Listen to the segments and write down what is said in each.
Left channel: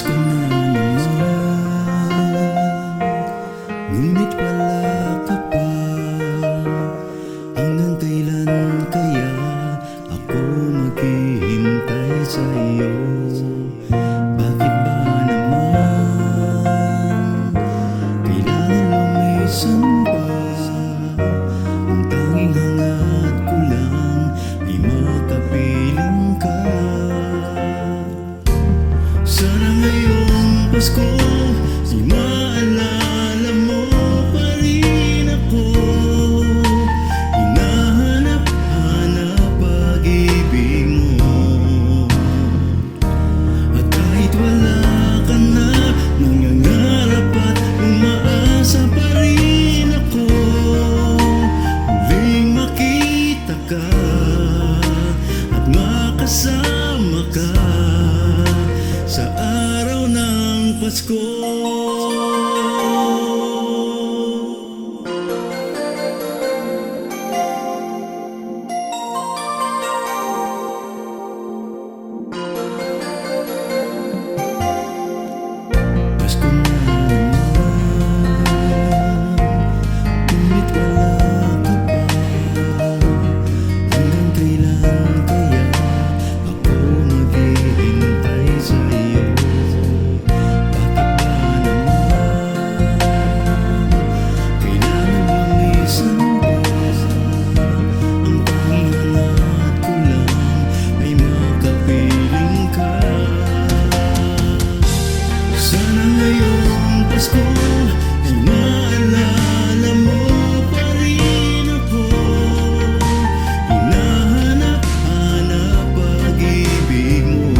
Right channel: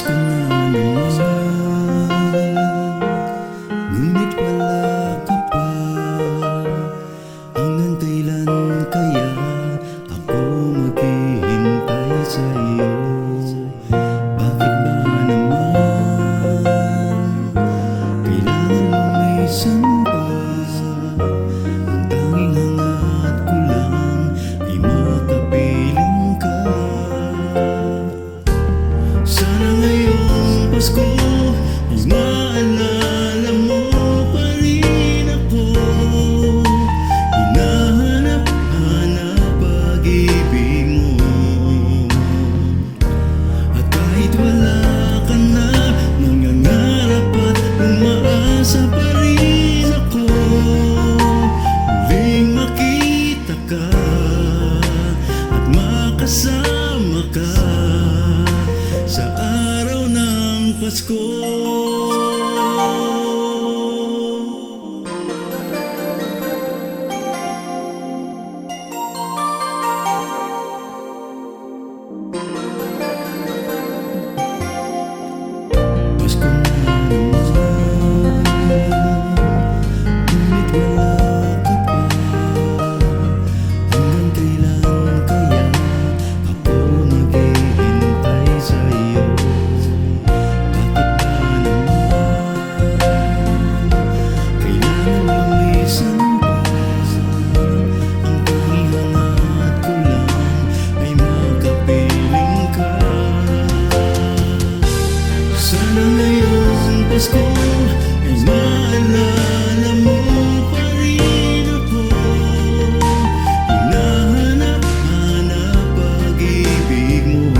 Pasko na naman, ngunit wala ka pa. Hanggang kailan kaya ako maghihintay sa iyo? Bakit ba naman kailangan lumisan pa? Ang tanging hangat ko lang ay makapiling ka. Sana ngayong Pasko ay maalala mo pa rin ako. Hinahanap-hanap pag-ibig mo. At kahit wala ka na, nangangarap at umaasa pa rin ako. Muling makita ka at makasama ka sa araw ng Pasko. Pasko na naman, ngunit wala ka pa. Hanggang kailan kaya ako maghihintay sa iyo? Bakit ba naman kailangan lumisan pa? Ang tanging hangat ko lang ay makapiling ka. Sana ngayong Pasko ay maalala mo pa rin ako. Hinahanap-hanap pag-ibig mo.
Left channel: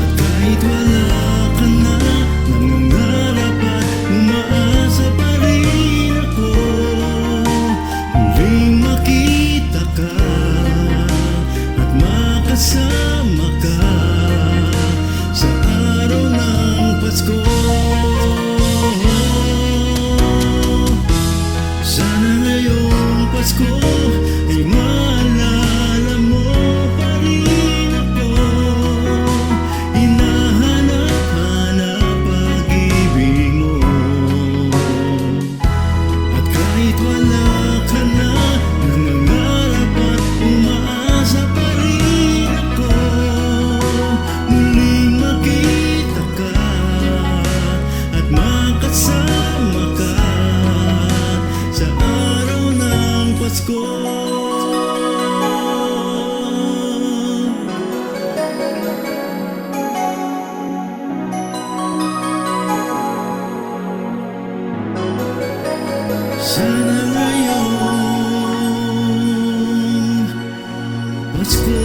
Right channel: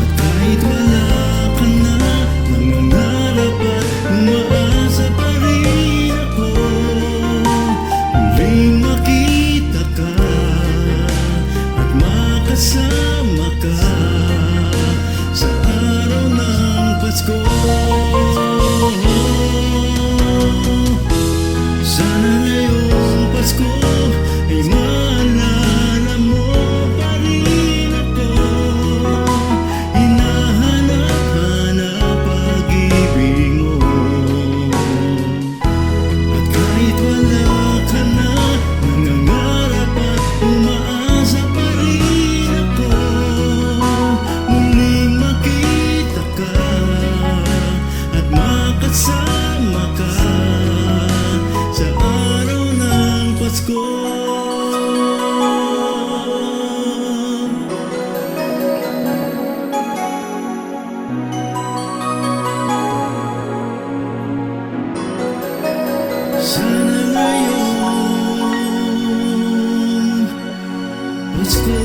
At kahit wala ka na, nangangarap at umaasa pa rin ako. Muling makita ka at makasama ka sa araw ng Pasko. Sana ngayong Pasko ay maalala mo pa rin ako. Hinahanap-hanap pag-ibig mo. At kahit wala ka na, nangangarap at umaasa pa rin ako. Muling makita ka at makasama ka sa araw ng Pasko. Sana ngayong Pasko